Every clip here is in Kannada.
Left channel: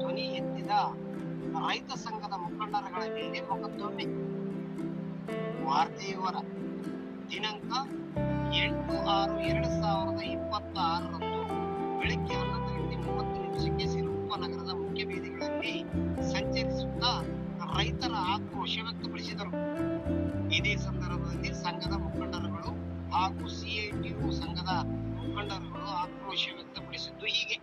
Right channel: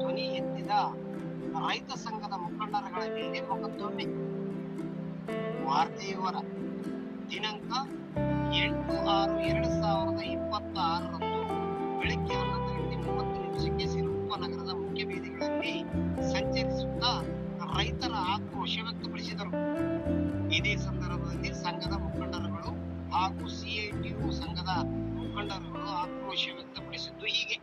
ಧ್ವನಿ ಎತ್ತಿದ ರೈತ ಸಂಘದ ಮುಖಂಡರುಗಳ ಮೇಲೆ ಮೊಕದ್ದಮೆ. ವಾರ್ತೆಯವರ ದಿನಾಂಕ 8/6/2026 ಬೆಳಗ್ಗೆ 11:30 ಸಿರುಗುಪ್ಪ ನಗರದ ಮುಖ್ಯ ಬೀದಿಗಳಲ್ಲಿ ಸಂಚರಿಸುತ್ತಾ ರೈತರ ಆಕ್ರೋಶ ವ್ಯಕ್ತಪಡಿಸಿದರು. ಇದೇ ಸಂದರ್ಭದಲ್ಲಿ ಸಂಘದ ಮುಖಂಡರುಗಳು ಹಾಗೂ ಸಿಐಟಿಯು ಸಂಘದ ಮುಖಂಡರುಗಳು ಆಕ್ರೋಶ ವ್ಯಕ್ತಪಡಿಸಿದ್ದು ಹೀಗೆ.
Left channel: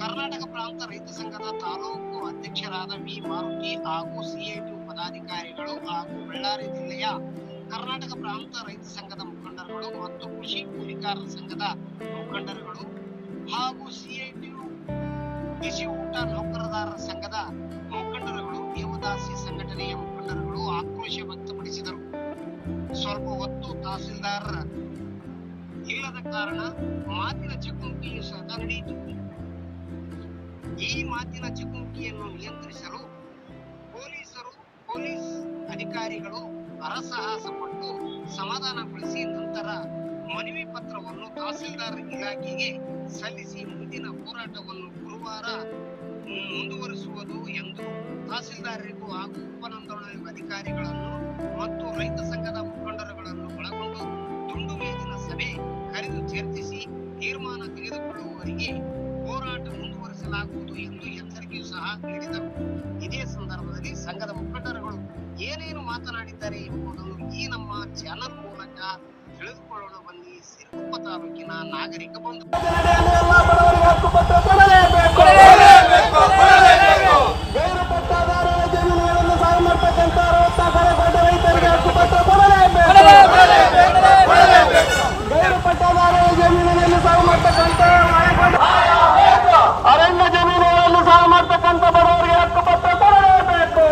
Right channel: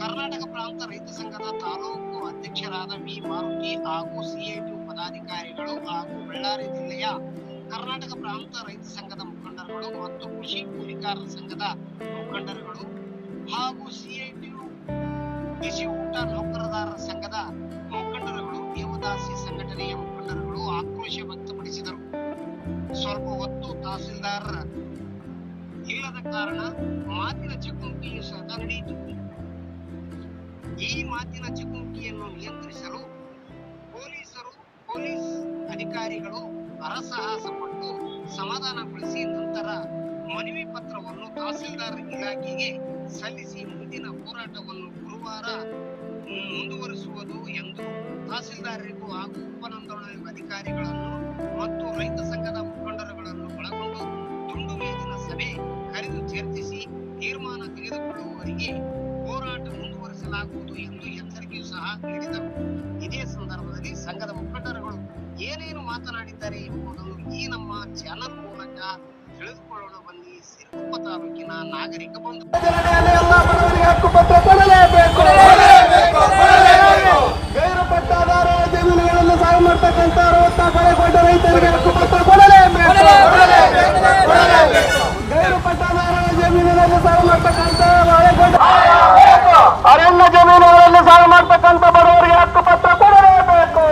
ಕರ್ನಾಟಕ ಪ್ರಾಂತ ರೈತ ಸಂಘದ ತಾಲೂಕು ಅಧ್ಯಕ್ಷರಾದ ವಿ ಮಾರುತಿ ಹಾಗೂ ಸಿಐಟಿಯು ಪದಾಧಿಕಾರಿಗಳು ಹಾಗೂ ಬಳ್ಳಾರಿ ಜಿಲ್ಲೆಯ ಕರ್ನಾಟಕ ಪ್ರಾಂತ ರೈತ ಸಂಘದ ಮುಖಂಡರುಗಳು ಮತ್ತು ಕೃಷಿ ಕೂಲಿಕಾರರ ಸಂಘದ ಮುಖಂಡರುಗಳು ಹಾಗೂ ಸಿಐಟಿಯು ಬಿಸಿ ಊಟ ನೌಕರದಾರರ ಸಂಘದ ಮುಖಂಡರುಗಳು ದೇವದಾಸಿ ಸಂಘಟನೆಯ ಮುಖಂಡರುಗಳು ಆಕ್ರೋಶ ವ್ಯಕ್ತಪಡಿಸಿದರು. ಸ್ವಲ್ಪ ಹೊತ್ತು ತಹಸೀಲ್ದಾರ್ ಇಲ್ಲದ ಕಾರಣ ಮಾತಿನ ಚಕಮಕಿಯು ಸದಾ ನಡೆಯಿತು. ಈ ಮಾತಿನ ಚಕಮಕಿಯನ್ನು ನಿಯಂತ್ರಿಸಲು ಪೊಲೀಸ್ ಅಧಿಕಾರಿಗಳು ಹರಸಾಹಸ ಪಟ್ಟು ಸಮಾಧಾನಗೊಳಿಸಿ ನಂತರ ಮನವಿ ಪತ್ರವನ್ನು ತಹಸೀಲ್ದಾರ್ ಇಲಾಖೆಗೆ ಸಲ್ಲಿಸಿ ಮುಂದಿನ ಹೋರಾಟವನ್ನು ಗುರುವಾರ ಮುಂದುವರಿಸುವುದು ಎಂದು ತಹಸೀಲ್ದಾರರಿಗೂ ಹಾಗೂ ಉಪನೋಂದಣಿ ಅಧಿಕಾರಿಗಳನ್ನು ಮತ್ತು ರೈತ ಸಂಘದ ಮುಖಂಡರುಗಳನ್ನು ಒಳಗೊಂಡು ದುಂಡು ಮೇಜಿನ ಸಭೆ ಕರೆದು ಚರ್ಚಿಸಿ ತೀರ್ಮಾನ ತೆಗೆದುಕೊಳ್ಳುವವರೆಗೆ ಹೋರಾಟ ಮುಂದುವರಿಸಲಾಗುವುದು ಎಂದು ಎಚ್ಚರಿಕೆಯೂ ಸಹ ನೀಡಿದರು. ಇದೇ ಸಂದರ್ಭದಲ್ಲಿ ಸಂಘದ ಮುಖಂಡರುಗಳು ಏನೇನು ಮಾತನಾಡಿದ್ದಾರೆ ಎಂಬುದನ್ನು ಈ ನಮ್ಮ ಚಾನಲ್ ಮೂಲಕ ತಿಳಿದುಕೊಳ್ಳೋಣ ಬನ್ನಿ. ಸಿರುಗುಪ್ಪ ತಾಲೂಕಿನ ನಾಗರಿಕ ಬಂಧು ಎಲ್ಲ ಬಡವರಿಗೆ ಹಕ್ಕುಪತ್ರ ಕೊಡಲೇಬೇಕು. ಗೈರು ಪಟ್ಟಾದಾರರ ಜಮೀನುಗಳನ್ನು ಸಾವು ಮಾಡತಕ್ಕಂಥ 64 ಕೋಟಿ ರೈತರಿಗೆ ಹಕ್ಕುಪತ್ರ ಕೊಡಲೇಬೇಕು. ಗೈರು ಪಟ್ಟಾದಾರರ ಜಮೀನಿನಲ್ಲಿ ಸಾವು ಮಾಡತಕ್ಕಂಥ ಅರಣ್ಯ ಜಮೀನುಗಳನ್ನು ಸಾವು ಮಾಡತಕ್ಕಂಥ ಬಡವರಿಗೆ ಹಕ್ಕುಪತ್ರ ಕೊಡಲೇಬೇಕು.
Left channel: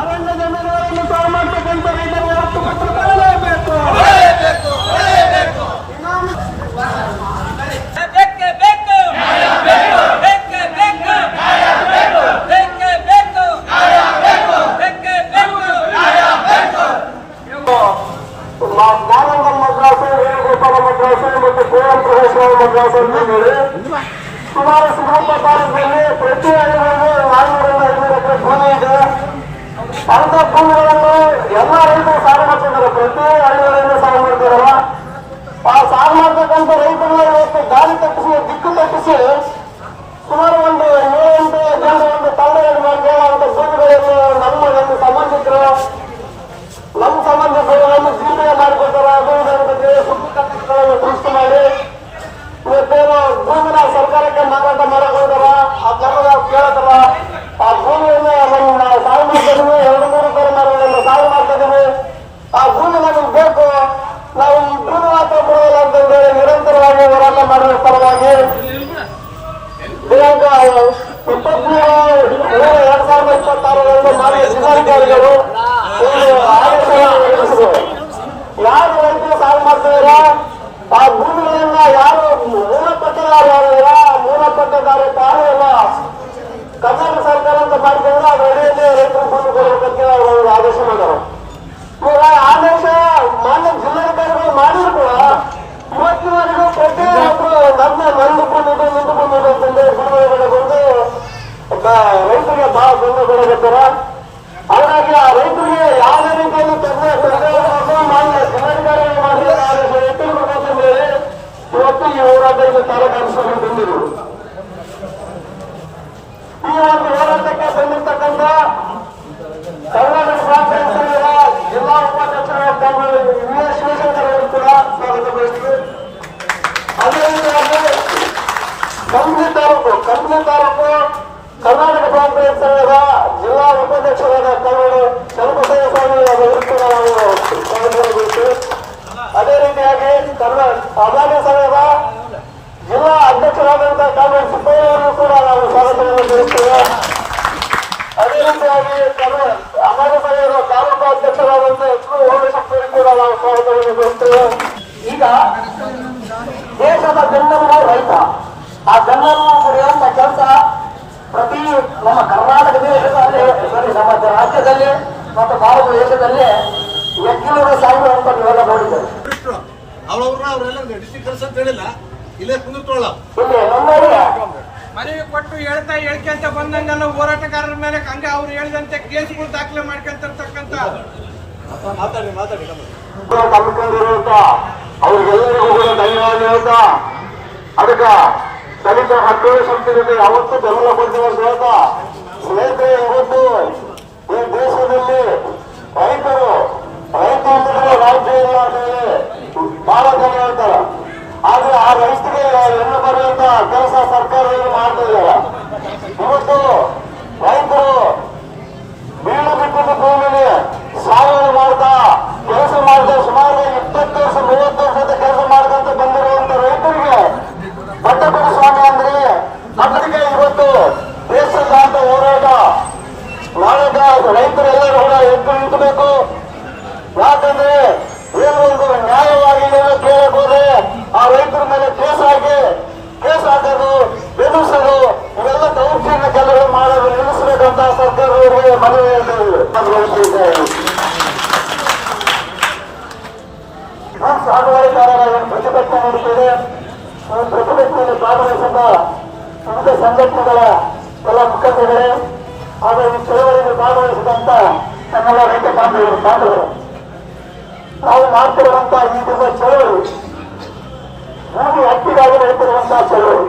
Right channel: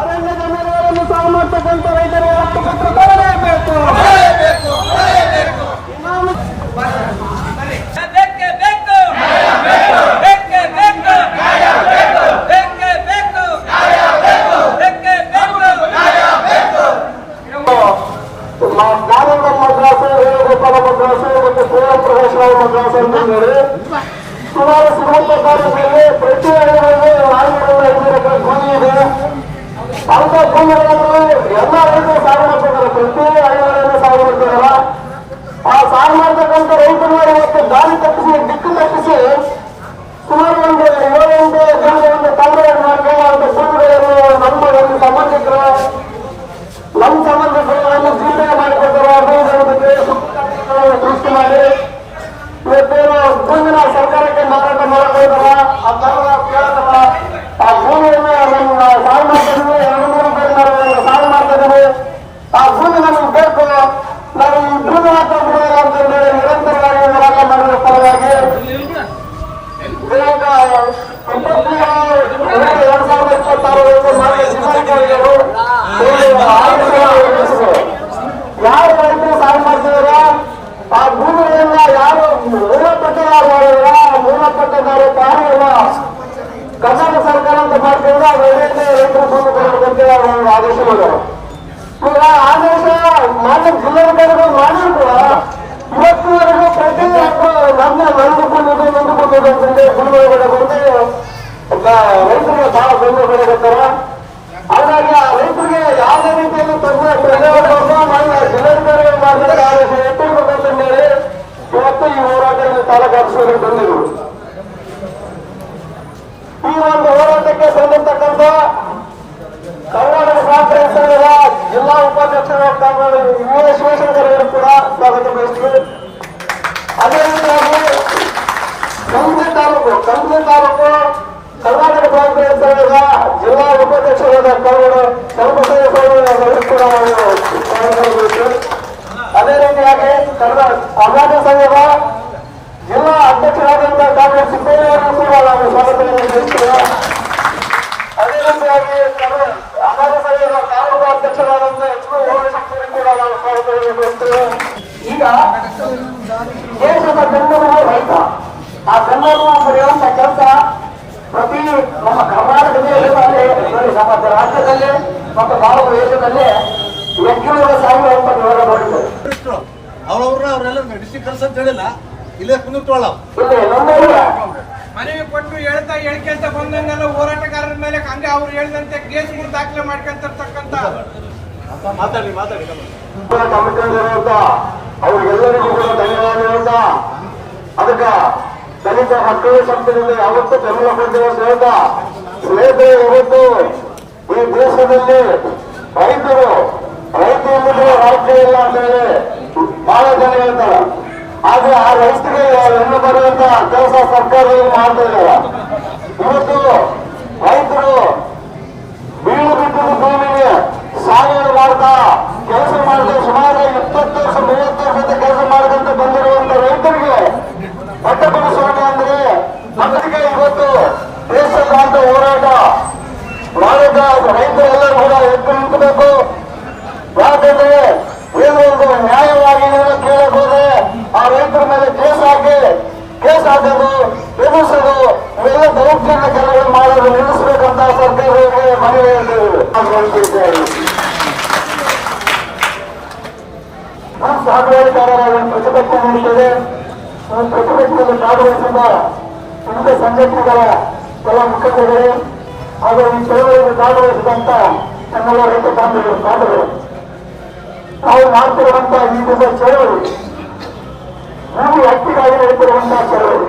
ಅರಣ್ಯ ಜಮೀನುಗಳನ್ನು ಸಾವು ಮಾಡತಕ್ಕಂಥ ರೈತರಿಗೆ ಹಕ್ಕುಪತ್ರ ಕೊಡಲೇಬೇಕು. ನಾರಾಯಣ ಮದ್ರಾಸು, ವೇಣುಗೋಪಾಲ ಮದ್ರಾಸು ಮತ್ತು ಕುವೆಂಪು ಪ್ರವೇಶಗಳ ಮದ್ರಾಸು ಅಂತಂದೇಳಿ ಸುಮಾರು ಸಿರುಗುಪ್ಪ ತಾಲೂಕಿನಲ್ಲಿ ಪ್ರತಿ ಹಳ್ಳಿಗಳಿಗೆ 400-500 ಎಕರೆ ಭೂಮಿ ಇದೆ. ಅಂತ ಭೂಮಿಗಳನ್ನು ಎಲ್ಲ ರೈತರು ಸಾగు ಮಾಡ್ತಿದ್ದಾರೆ. ಪ್ರತಿ ಹಳ್ಳಿಗಳಿಂದ ಸಾగు ಮಾಡ್ತಿದಾರ. ಆ ಸಾగు ಮಾಡ್ತಕ್ಕಂಥ ರೈತರನ್ನ ಇವತ್ತು ಗಾಳಿ ತಪ್ಪಿಸಿ ದಿಕ್ಕು ತಪ್ಪಿಸಿ ಸುಮಾರು ಒಂದು 7-8 ಜನರಿಂದ ತಾಮ್ರಗಳನ್ನು ಭೂಮಿಗಳನ್ನು ಸಂಬಂಧಿಕರು ನಮ್ಮ ಸಂಬಂಧಿಕರನ್ನು ಜೀವನ ಮಾಡಿಕೊಡ್ತಾರೆ. ಭೂಮಿಗಳ ಸೃಷ್ಟಿ ಮಾಡಿ ಇವತ್ತೇನು ಭೂಮಿನ ಸರ್ಕಾರಕ್ಕೆ ಮಾರಾಟ ಮಾಡಕ್ ಹೋದಾರ. ಆ ಕೇಳ್ತಾರ ಆ ಭೂಮಿಯನ್ನ ನಮ್ಮ ಸಾವು ಮಾಡ್ತಿದ್ದೀವಿ, 200 ರೂಪಾಯಿ ನಾವು ಸಾವು ಮಾಡ್ತಿದ್ದೀವಿ, ಆ ಭೂಮಿ ನಮಗೆ ಬೇಕು, ನಾವು ಈ ಭೂಮಿ ಮಾತ್ರ ಬಿಡೋಲ್ಲ ಅಂತಂದೇಳಿ ನಿರಂತರವಾಗಿ ಹೋರಾಟ ಮಾಡುವ ಪರವಾಗಿ ದಿನಾಂಕ 23/2/2026 ಮಾನ್ಯ ಜಿಲ್ಲಾಧಿಕಾರಿಗಳು ಒಂದು ಯಾರು ರೈತರು ಸಾವು ಮಾಡ್ತಿದಾರ ಆ ಭೂಮಿಗಳನ್ನ ಯಾರು ಮೂಲಪಟ್ಟದಾರ ಮೂಲಪಟ್ಟದಾರ ಪಾಲುವನ್ನ ಕರ್ನಾಟಕ ಸರ್ಕಾರ ಅಂತ ಮಾಡ್ತಿದ್ರೆ ಅದು ಒಳ್ಳೆಯದೇ ರೈತರ ಭೂಮಿ ಕೊಡಬೇಕಂತ ಒಂದು ಆದೇಶ ಮಾಡೋರು. ಇವಾಗ ಆದೇಶ ಮಾನ್ಯ ಜಿಲ್ಲಾಧಿಕಾರಿಗಳು ಮಾಡಿದ್ರು ಕೂಡ ಇವತ್ತಿನವರೆಗೂ ಪ್ರತಿ ನಂದು ಭೂಮಿ ರೈತರಿಗೆ ಬಹಳ ತೊಂದರೆ ಬರಬೇಕಾರ. ಹಾಗಾಗಿ ಆ ರೈತರಿಗೆ ಯಾವುದೇ ರೀತಿಯಲ್ಲಿ ಮಾನ್ಯ ಜಿಲ್ಲಾಧಿಕಾರಿಗಳು ಮಾಡಿದಂತ ಆದೇಶ ಎತ್ತಿರಬೇಕಂತ ಹೇಳಿ ಇವತ್ತು ಈ ಹೋರಾಟ ಇಲ್ಲಿ ತಾಲೂಕು ಆಫೀಸಲ್ಲಿ ಬಂದಿದ್ರು. ಈ ಒಂದು ಹೋರಾಟಕ್ಕೆ ಬಂದಿರ್ತಕ್ಕಂಥ ಕರ್ನಾಟಕ ಕಾಂಗ್ರೆಸ್ ಸಂಘದ ಜಿಲ್ಲಾ ಉಪಾಧ್ಯಕ್ಷರು ಶಿವಶಂಕರ್ ಕೂಡ ಸ್ವಾಗತ ಬಯಸ್ತೀವಿ. ಅದೇ ರೀತಿಯಾಗಿ ಕಂಪ್ಲಿ ತಾಲೂಕು ಕರ್ನಾಟಕ ಕಾಂಗ್ರೆಸ್ ಸಂಘದ ಜಿಲ್ಲಾ ಉಪಾಧ್ಯಕ್ಷರಾದ ಚಲಪತಿಯ ಕೂಡ ಅದೇ ರೀತಿಯಾಗಿ ಅಗಾಧ ಸಂಘದ ಜಿಲ್ಲಾ ಅಧ್ಯಕ್ಷರಾದಂತಹ ಕಾಂಗ್ರೆಸ್ ಸಿದ್ದಯ್ಯವರು ಕೂಡ ನಾವು ಸ್ವಾಗತವನ್ನು ಬಯಸ್ತೇವೆ. ಅದೇ ರೀತಿಯಾಗಿ ಅಗಾಧ ಸಂಘದ ತಾಲೂಕು ಅಧ್ಯಕ್ಷರಾದಂತಹ ಓಡಿಸಕ್ಕೂ ಕೂಡ ನಾವು ಸ್ವಾಗತವನ್ನು ಬಯಸ್ತೇವೆ. ಈಗ ದೇಶದ ಬೆನ್ನೆಲುಬು ರೈತ. ಆ ಬೆನ್ನೆಲುಬು ಮುರಿಯುವಂತ ಕೆಲಸ ಪ್ರತಿ ನಮ್ಮ ಕರ್ನಾಟಕ ದೇಶದಲ್ಲಿ, ನಮ್ಮ ರಾಜ್ಯದಲ್ಲಿ ಮತ್ತು ಭಾರತ ದೇಶದಲ್ಲಿ ಎಕ್ಕಿರುವ 1000 ವಿವರ ನೋಡಿದ್ದಾರೆ. ಅವರೆಲ್ಲ ಡಿಸ್ಟ್ರಿಕ್ಟ್ ಕಲ್ಸ್ ಅಂತ ಹೇಳಿಲ್ಲ, ಇಲ್ಲೇ ಕುಂದಿರ್ತೋಳ ಮನವಿ ಕೊಟ್ಟು ಹೇಳ್ಕೊಂತ ಬಂದಂಗೆಲ್ಲ ಹೋರಾಟಗಾರರ ಮೇಲೆ ಹಂಗೆ ಅವ್ರು ಹೇಳಿದಂತೆ ಕೇಸ್ಗಳು ದಾಖಲೆ ಮಾಡ್ಕೊಂತಿರ್ತಕ್ಕಂಥ ಕಮಿಟಿಯಲ್ಲಿರುವಂತ ಅವ್ರಿಗೆಲ್ಲರಿಗೂ ಕೂಡ ಧನ್ಯವಾದ ಹೇಳ್ತಾ, ಅದಕ್ಕೆ ದಲಿತ ಮಕ್ಕಳ ಸಂಸ್ಥೆಯಲ್ಲಿ ಯಾವತ್ತೂ ಬೆಂಬಲ ಕೊಡ್ತೇವೆ ಅಂತ ಹೇಳ್ತಾ, ಸ್ನೇಹಿತರೆ ಇವತ್ತು ಈ ದೇಶದಲ್ಲಿ ರೈತರು ಇಲ್ಲದೆ ರಾಜ್ಯ ಇಲ್ಲ ಅಂತ ಹೇಳಿ ಬಹಳ ಜನ ಹೇಳ್ತಾರೆ. ಆದ್ರೆ ಆ ರೈತರಿಗೆ ಹೆಣ್ಣು ಬರುವಂತ ಕೆಲಸ ಸರ್ಕಾರದಲ್ಲಿ ಮಾಡ್ತಾ ಇದ್ದಾರೆ. ಇವತ್ತು ರೈತರು ಬೀಳು ಬಿಟ್ಟಿರುವ ಭೂಮಿಗೆ ಸಾಗುವಳಿ ಮಾಡ್ತಾ ಕೆಲಸ ಮಾಡಿದ ಸುಮಾರು 20 ವರ್ಷ 30 ವರ್ಷದ ಕೆಲಸ ಮಾಡ್ಕೊಂತ ಬಂದಿರುವಂತ ರೈತರಿಗೆ ಪಟ್ಟ ಕೊಡಿಸುವಾಗ ಅಂದ್ರೆ ಅದಕ್ಕೆ ಇವತ್ತು ದೇಶದಾದ್ಯಂತ ಹೋರಾಟ ಮಾಡಿದ ರೈತರೆಲ್ಲರೂ ಕೂಡ ಎದ್ದು ನಿಂತಬೇಕು. ಯಾಕಂದ್ರೆ ಏನೋ ಒಂದು ನ್ಯಾಯವಾಗಿ ಕೇಳಕ್ ಹೋದ್ರೆ ಆ ರೈತರ ಮೇಲೆ ಕೇಸ್ ಹಾಕೋದು ಎದುರಿಸೋದು ಇವೆಲ್ಲ ದೌರ್ಜನ್ಯ ಕೆಲವರು ಮಾಡೋದು ನಿಲ್ಲಿಸಬೇಕಂತ ಸರ್ಕಾರಕ್ಕೆ ಮನವಿ ಹೇಳ್ತೇವೆ. ಸಾಗುವಳಿದಾರರ ಪ್ರತಿಭಟನೆ ನಡೆಸಿದೆ. ಪ್ರತಿಭಟನೆಯಲ್ಲಿ ಭಾಗವಹಿಸಿದ ವಿವಿಧ ಸಂಘಟನೆಗಳ ಕೆಲ ಮುಖಂಡರು ಹಾಗೂ ಈ ಚಳವಳಿಯಲ್ಲಿ ಭಾಗವಹಿಸಿದಂತ ನಮ್ಮೆಲ್ಲ ರೈತ ಬಾಂಧವರು, ನಾವು ಮಾಡ್ತಿರುವಂತಹ ಈ ದಿನದ ಚಳವಳಿ ಭೂಮಿ ಹಕ್ಕಿಗಾಗಿ ನಡೆಸಿರುವಂತಹ ಚಳವಳಿ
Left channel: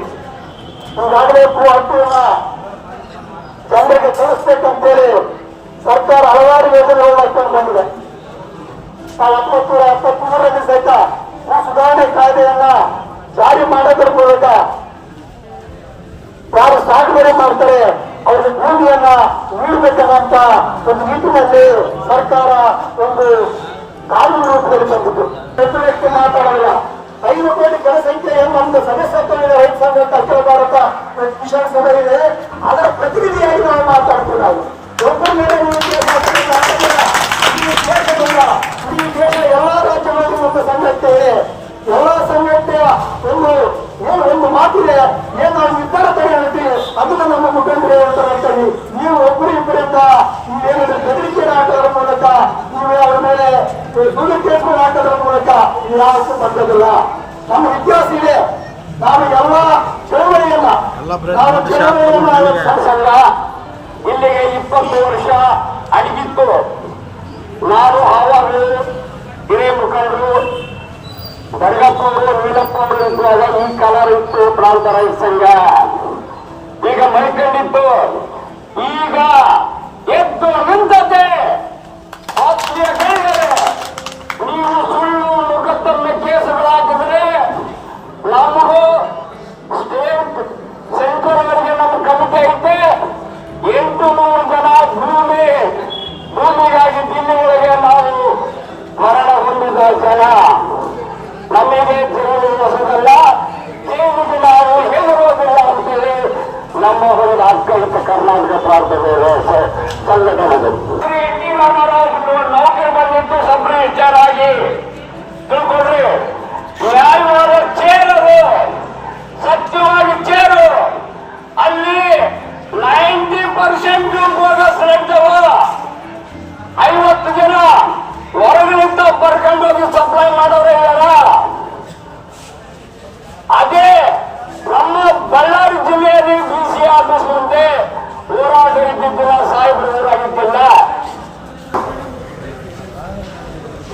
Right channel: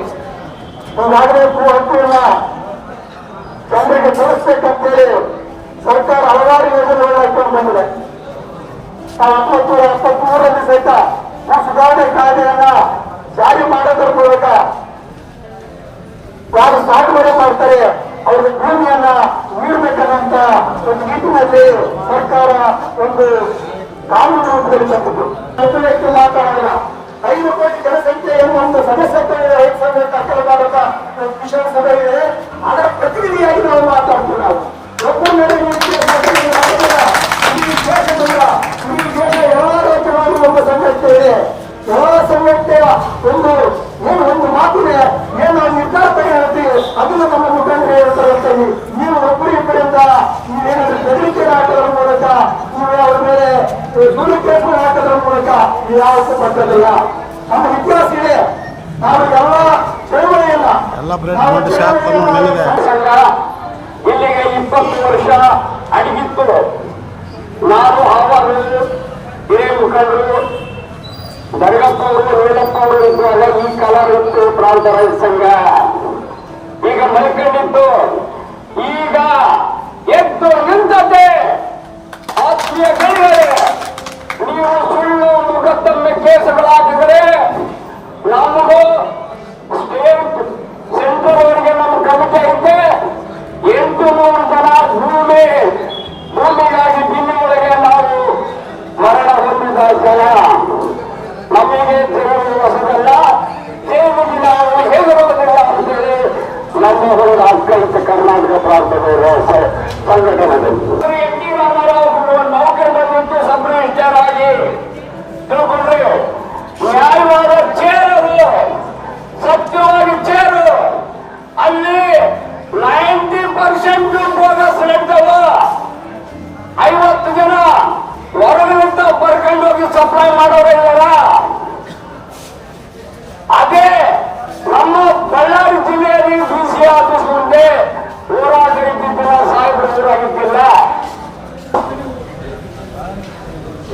ಈಗಾಗಲೇ ಭೂ ಹಕ್ಕುಗಳನ್ನ ಜನರಿಗೆ ತೋರಿಸ್ಬೇಕಂತೇಳಿ ಸರ್ಕಾರ ಹಲವಾರು ಯೋಜನೆಗಳನ್ನ ಹಾಕೊಂಡು ಬಂದಿದೆ. 1973ರಲ್ಲಿ ಸಹಿತ ಭೂ ಸುಧಾರಣೆ ಕಾಯ್ದೆಯನ್ನ ಜಾರಿ ಮಾಡೋದ್ರ ಮೂಲಕ ಯಾರು ಸಾಗುವಳಿ ಮಾಡ್ತಾರೆ ಅವ್ರಿಗೆ ಭೂಮಿಯನ್ನ ನೀಡಬೇಕನ್ನಂತ ಒಂದು ನಿಟ್ಟಿನಲ್ಲಿ ಸರ್ಕಾರ ಒಂದು ಕಾನೂನು ರೂಪದಲ್ಲಿ ತಂದಿದ್ದು. ಪ್ರತಿ ವ್ಯಕ್ತಿ ಮಾತಾಡೋಲ್ಲ. 5 ಕೋಟಿ ಜನಸಂಖ್ಯೆ ಎಂಬಂತ ಸದಸ್ಯತ್ವ ರೈತ ಸಂಘ ಸರ್ಕಾರ ಭಾರತ ವಿಧಾನಸಭೆ ಇದೆ. ಅದರ ಪ್ರತಿನಿಧಿಯಾಗಿ ನಾವು ಮಾತಾಡ್ತಿಲ್ಲ. ಒಬ್ಬರ ಈ ದೇಶ ಎಲ್ಲಾ ರಾಜ್ಯಗಳಲ್ಲಿ ನಮ್ಮ ಸಂಘಟನೆ ಇದೆ. ಎಲ್ಲಾ ಸಂಘಟನೆಯ ಒಂದು ಮಾತಿದೆ. ಏನು ನಾವು ನಿರ್ಧಾರ ತೆಗೆದುತ್ತೀವಿ ಅದನ್ನು ನಮ್ಮ ಮುಖಂಡರು ಹೇಳ್ತಾರೆ. ನೀವು ಒಬ್ಬರಿಬ್ಬರಿಂದ ನೀವೇನಾದ್ರೂ ಬೆದರಿಕೆ ಹಾಕೋದ್ರ ಮೂಲಕ ನೀವೇ ಅವರ ಮೇಲೆ ದುರುಪಯೋಗ ಹಾಕೋದ್ರ ಮೂಲಕ ಯಾವತ್ತೂ ಪಟ್ಟದಿಲ್ಲ. ನಮ್ಮ ಇತಿಹಾಸ ಇದೆ. ನಾವು ಎಲ್ಲ ಚಳವಳಿಯನ್ನ ಇಲ್ಲಿಗೆ 20 ವರ್ಷ ಅಡಗಿತ್ತು. ನಾವು ಆವಾಗಲೂ ಹಿರಿಯ ಮುಖಂಡರು ದರ್ಗಪ್ಪ ಅವರು ವೀರಪ್ಪ ಅವರು ಇದ್ದಾಗ ಈ ಕಲರ್ ಇತ್ತು ಪ್ರಾಂತ ರೈತ ಸಂಘ. ಈಗ ಮಲ್ಕೊಂಡಿತ್ತು. ಈಗ ಎದ್ದು ನಿಂತದ್ದೇ ಆತ್ಮೀಯ ಕೈಗಳೇ, ನೀವು ಸುಳ್ಳು ಮುಖತ್ತನ್ನ ಕೇಸುಗಳಾಕಿದರೆ ನಮಗೂ ಸ್ಟೇಟ್ ಸೆಂಟ್ರಲ್ ಅವರಿಗೆ ನಮ್ಮ ಕಮಿಟಿ ಐತೆ. 800 ಜನ ಭೂಮಿಗಾಗಿ ದಿಲ್ಲಿಯೊಳಗೆ ನಾವು ಮರಣ ಹೊಂದಿದ ಜನ. ನಮಗೆ ತಿಳಿಯುವುದು ಹೊಸದಲ್ಲ. ದೇವಿಗೆ ನಾವು ಹೆದರುವುದಿಲ್ಲ ಅಂತೇಳಿ ನಮ್ಮ ಹೊರಗೆ ಆತ್ಮೀಯ ಕರ್ನಾಟಕ ಪ್ರಾಂತದ ಸಂಘಟನೆಗಳು ನೌಕರಿ ಬಂದಿದ್ದು ಸಬ್ ರಿಜಿಸ್ಟರ್ ಆಗಿ ತಿಳ್ಕೊಂಡ್ರೆ ನ್ಯಾಯವಾದ ಚೇರರು, ಸತ್ಯವಾಗಿ ಚೇರು. ಅಲ್ಲಿ 90% ಬೋಗಸ್ ಇರ್ತವ. 50 ಜನ ಹೊರಗಿನಿಂದ ಬರ್ಕೊಂಡೋಗಿ ಸಪ್ಲೈ ಮಾಡೋರೇ ಇದಾರ. ಅದೇ ನಮ್ಮ ಬಳ್ಳಾರಿ ಜಿಲ್ಲೆಯಲ್ಲಿ ಡಿಸಿ ಆಫೀಸ್ ಮುಂದೆ ಹೋರಾಟ ಇದ್ದಿದ್ದಿಲ್ಲ, ಸಾಹೇಬರು ಆಗಿದ್ದಿಲ್ಲ.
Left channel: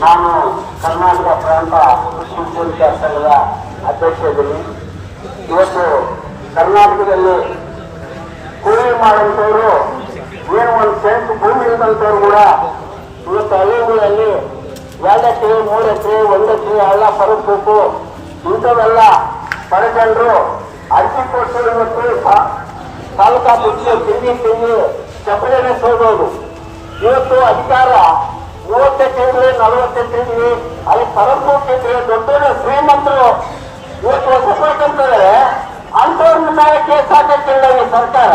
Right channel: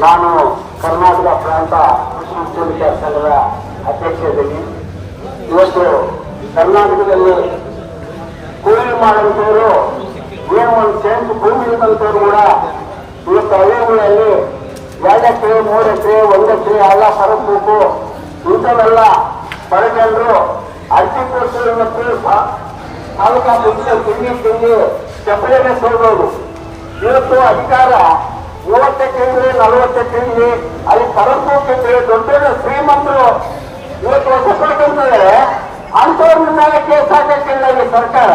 ನಾನು ಕರ್ನಾಟಕ ಪ್ರಾಂತ ಕೃಷಿ ಉದ್ಯೋಗಿಗಳ ಸಂಘದ ಅಧ್ಯಕ್ಷದಲ್ಲಿ ಇವತ್ತು ಕರ್ನಾಟಕದಲ್ಲಿ ಕೂಲಿ ಮಾಡುವಂತವರು ಏನು ಒಂದು ಸೆಂಟ್ ಭೂಮಿ ಇರುವಂತವ್ರು ಕೂಡ ಇವತ್ತು ಹಳ್ಳಿಗಳಲ್ಲಿ 2 ಎಕರೆ 3 ಎಕರೆ 1 ಎಕರೆ ಎಲ್ಲ ಪರಬೇಕು ಇಂಥವೆಲ್ಲ ಪಡ್ಕೊಂಡು ಅರ್ಜಿ ಕೊಟ್ಟು ಇವತ್ತು ತಾಲೂಕಾ ತಿಂಡಿ ಚಪ್ಪಲಿಗೆ ಸೋದೋದು. ಇವತ್ತು ಅಧಿಕಾರ 30 ಎಕರೆ 40 ಎಕರೆ ಅಲ್ಲಿ ಪರಬೇಕೆಂದ್ರೆ ದೊಡ್ಡ ಶ್ರೀಮಂತರು ಇವತ್ತು ಹೊಸ ಪಡ್ಕೊಂತಾರೆ. ಅಂತವ್ರ ಮೇಲೆ ಕೇಸ್ ಹಾಕಿಲ್ಲ ಸರ್ಕಾರ.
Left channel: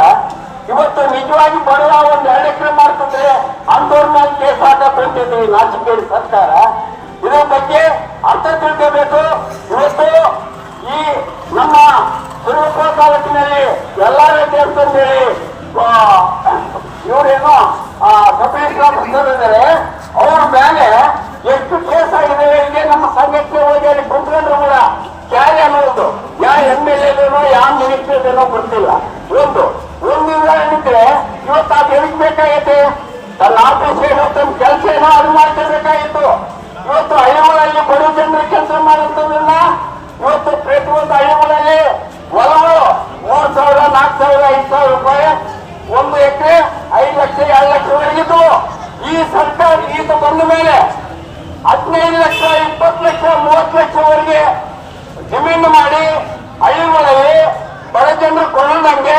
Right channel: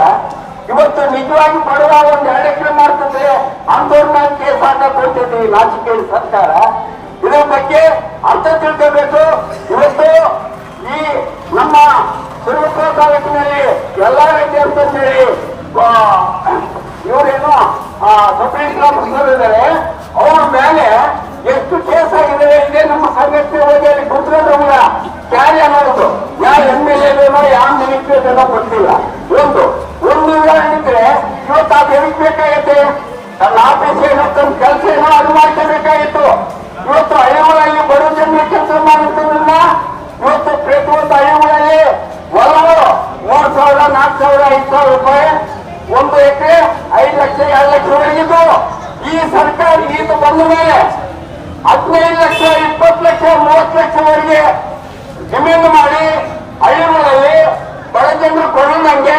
ಇವತ್ತು ನಿಜವಾಗಿ ಬಡವ 1-2 ಎಕರೆ ಮಾಡ್ತಿದ್ರೆ ಅಂತವ್ರ ಮೇಲೆ ಕೇಸ್ ಹಾಕಿದ್ದೀವಿ ರಾಜಕೀಯ ಸರ್ಕಾರ. ಇದರ ಬಗ್ಗೆ ಅರ್ಥ ತಿಳ್ಕೋಬೇಕು. ಇವತ್ತು ಈ ನಮ್ಮ ಸುರಪುರ ತಾಲೂಕಿನಲ್ಲಿ ಎಲ್ಲಾ ರೀತಿ ಅಂತಂದೇಳಿ ಇವರೇನು ಇದ್ದಾರೆ. ಅವ್ರ ಮೇಲೆ ಎಷ್ಟು ಕೇಸ್ ಆಗಿದ್ದಾರೆ ಇದೇ ನಮ್ಮ ಸಂಘಟನೆ ಹೋಗಿ ಅಲ್ಲಿ ಕುತ್ಕೊಂಡ್ರು ಕೂಡ ಕ್ಯಾರಿ ಅನ್ನೋದು ಯಾವ MLA ಯಾವ ಮಿನಿಸ್ಟರ್ ಲಕ್ಷ ಜನ ಬಂದಿಲ್ಲ. ಒಂದು ಹೇಳಿದ್ರೆ ಇವತ್ತು ಅದು ಎದಕ್ ಬೇಕಾಗೈತೆ? ತನ್ನ ಆಫೀಸ್ ಏನೋ ತನ್ನ ಕೆಲಸ ಏನೋ ಅದು ಮಾಡ್ಕೋಬೇಕಾಗಿತ್ತು. ಇವತ್ತು ಹಳ್ಳಿಗಳಲ್ಲಿ ಬಡ ಜನರು ಕೆಲಸ ಮಾಡುತ್ತದನ್ನ ಇವತ್ತು ಪ್ರತಿಯೊಂದು ಹಳ್ಳಿಗಳಲ್ಲಿ ಹೊಲವು 3,000, 4,000, 5,000 ರೂಪಾಯಿ, 1 ಎಕರೆ 5 ಲಕ್ಷ 2 ಲಕ್ಷವರೆಗಿದ್ದು. ಈ ಸರ್ಕಾರ ಇದು ಬಂದ ಮೇಲೆ 15 ಲಕ್ಷ 20 ಲಕ್ಷ 30 ಲಕ್ಷವರೆಗೆ ಜಮೀನು ಮಾಡಿ ಹಳ್ಳಿಗಳಲ್ಲಿ ಬಡ ಜನರು ಕೊಳ್ಳುವಂಗೆ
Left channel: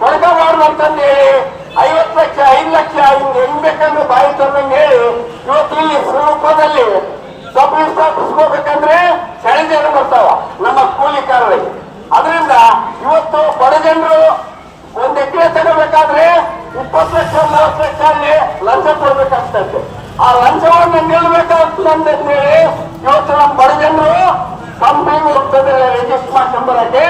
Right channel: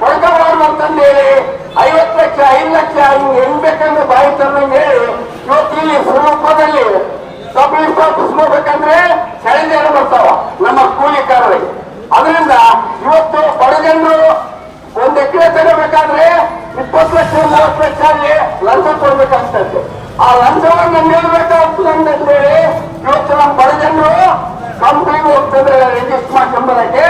ಕೊಡ್ಕೋಬಾರ್ದು ಅಂತಂದು ಹೇಳಿ 50 ಲಕ್ಷ 5 ಲಕ್ಷ ಹಿಂಗೆ ಹೆಂಗ್ ಬೇಕಂದ್ರೆ ಬಾಯಿ ತಮ್ಮಂಗೆ ಹೇಳಿ ಇವತ್ತು ಇಲ್ಲಿ ಸ್ವರೂಪದಲ್ಲಿ ಸಬ್ ಆಫೀಸ್ ಹೋಗ್ಬೇಕಂದ್ರೆ ಚಳಿಜನ ಬರ್ತಾವ ನಮ್ಮ ಕೂಲಿಕಾರರಿಗೆ. ಅದರಿಂದ ಇವತ್ತು ಬಡ ಜನರು 1 ಎಕರೆ ತಗೋಬೇಕಾದ್ರೆ 20 ಲಕ್ಷ 30 ಲಕ್ಷ ಅಲ್ಲಿ ಲಂಚ ಕೊಡ್ಬೇಕಾಗ್ತದೆ. ಆ ಲಂಚವನ್ನು ನಿಲ್ಬೇಕಾಗ್ತದೆ ಅಂತಂದೇಳಿ ಇವತ್ತು ನಮ್ಮ ಬಡ ಜನರು ಕಂಪ್ನಿಗೆ ಹೋಗ್ತಿದ್ದಾರೆ, ರಿಜಿಸ್ಟರ್ ಮಾಡ್ಕೊಂಬರಕ್ಕೆ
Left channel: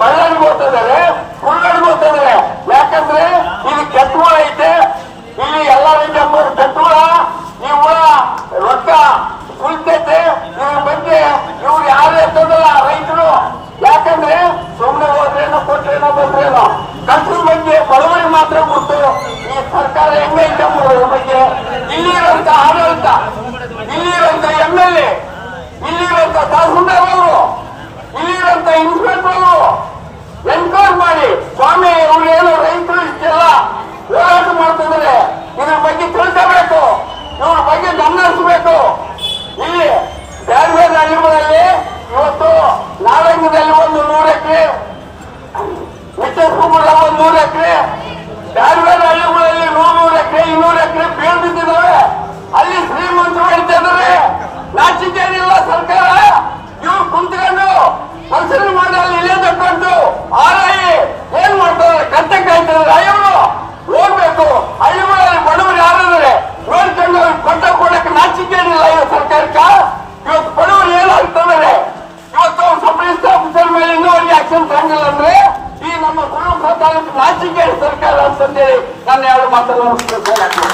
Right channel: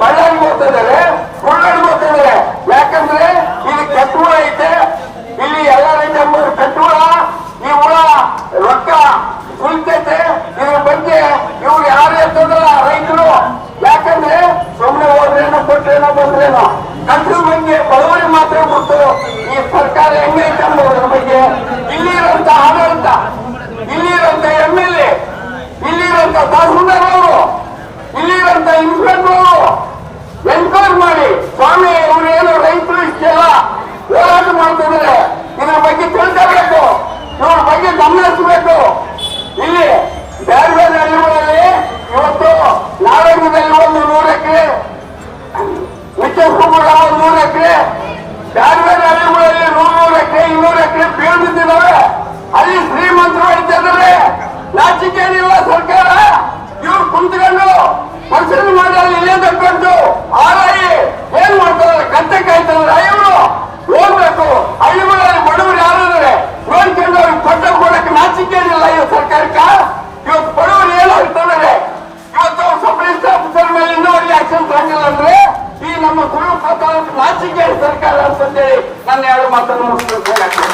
ಬಳ್ಳಾರಿಗೆ ಹೋಗ್ತಿದ್ದಾರೆ, ಉಳ್ಳಾಡಿಗೆ ಹೋಗ್ತಿದ್ದಾರೆ. ಯಾಕಂದ್ರೆ ಇಲ್ಲಿ ಕೆಟ್ಟುವ ಐತೆ, ಇಲ್ಲಿ ಎಲ್ಲ ರೀತಿಯ 3 ಕೆಟ್ಟುವ, ಈ ಹುಳ ರೊಕ್ಕ ಕುಳಿತೈತೆ. ಇವ್ರ ಬಗ್ಗೆ ಇವ್ರು ಯಾರು ಇರ್ತದಲ್ಲ ರೈತರು, ಯಾಕಂದ್ರೆ ಸುಮ್ಮನೆ ಹೋದ್ರೇನೋ ಕೊಟ್ರೇನೋ ಬಂದ್ರೇನೋ, ಕಟ್ಟರ ಬಗ್ಗೆ ಬಡವರಿಗೆ ಮಾತ್ರ ಗೊತ್ತು ಈ ಸರ್ಕಾರ ಹೆಂಗೈತೆ ಅನ್ನೋದ್ರ ಬಗ್ಗೆ. ಇಲ್ಲಿರುವಂತ ಆಡಳಿತ, ಇಲ್ಲಿರುವಂತ MLA, ಇಲ್ಲಿರುವಂತ ತಹಸೀಲ್ದಾರ್ ಅವರು, ಇಲ್ಲಿರುವಂತ ಇನ್ಸ್ಪೆಕ್ಟರ್ ಅವರು ಎನ್ಕ್ವೈರಿ ಮಾಡಿ ಸ್ವಾಮಿ ಇವ್ರು ಏನು ರೈತರು ಇಷ್ಟೆಲ್ಲ ಹೋರಾಟ ಮಾಡ್ತಿದ್ದಾರೆ, ಇದ್ರ ಬಗ್ಗೆ ತಿಳ್ಕೋಬೇಕು, ಇವ್ರ ಬಗ್ಗೆ ಗಮನ ಹರಿಸಬೇಕು. ಇಲ್ಲಿ ಬೇರೆ ಬೇರೆ ಹಳ್ಳಿಗಳಲ್ಲಿ ಇವತ್ತು ನಾಡಂಗದಲ್ಲಿ 100 ಎಕರೆ, ವಿಜಯಪುರ 100 ಎಕರೆ, ಬೇರೆ ಬೇರೆ ಹಳ್ಳಿಗಳಲ್ಲಿ 100 ಎಕರೆ 200 ಎಕರೆ ಬೀಳ್ದಿದ್ದಾವೆ. ಅಲ್ಲಿ ಶ್ರೀಮಂತರು ಹೇಳ್ತಾ ಇದ್ದಾರೆ, ನಾಚಿಕೇನಿಲ್ಲ ಸರ್ಕಾರ. ಇವ್ರು ಕುಂತ್ಕೊಂಡು ಪರಿಶೀಲನೆ ಮಾಡಿ ಅಲ್ಲಿ ಇಲ್ಲೇ ತಕ್ಕೊಂಡು ಆರಾಯಿ ಏನ್ ಮಾಡ್ತಾರೆ, ಕತ್ತೆ ಕಾಯ್ತಾರೆ. ಇವರು ಹೋಗ್ಬೇಕು ಹಳ್ಳಿಗಳಲ್ಲಿ ಬಡವರು ಯಾರಾದ್ರೆ ನೋಡ್ಕೊಂಡು ಅವ್ರಿಗೆ ಕೊಡಕ್ಕೆ ನಾಚಿಕೇನಿಲ್ಲ ಈ ಸರ್ಕಾರಕ್ಕ. ಇವತ್ತು ಬಡವರು ಏನಾಗ್ತದೆ, ಇವತ್ತು ಸಬ್ ರಿಜಿಸ್ಟರ್ ಆಫೀಸರ್ ಮೇಲೆ ಇನ್ನೂವರೆಗೆ ಆಕ್ಷನ್ ತಗೊಂಡಿಲ್ಲ ಅಂದ್ರೆ ಈ ನಮ್ಮ ಸ್ವರೂಪ ನಾಚಿಕೇಳಿ ಸರ್ಕಾರ ಅಂತಂದೇಳಿ ನನ್ನ 2 ಮಾತನ್ನು ಮುಗಿಸಬೇಕಾಗ್ತದೆ.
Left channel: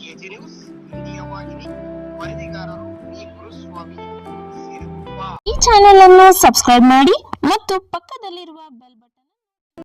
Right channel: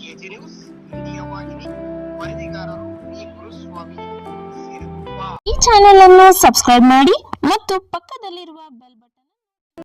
ಕೆಜಿ ನ್ಯೂಸ್ ಇಂಡಿಯಾ ವಾಹಿನಿ, ವರದಿಗಾರರು ಈ ಗುರುಸ್ವಾಮಿ ಸಿರುಗುಪ್ಪ. ಈ ಚಾನೆಲ್ ಅನ್ನು ಸಬ್ಸ್ಕ್ರೈಬ್ ಮಾಡಿ ಮತ್ತು ಪಕ್ಕದಲ್ಲಿರುವ ಬೆಲ್ ಬಟನ್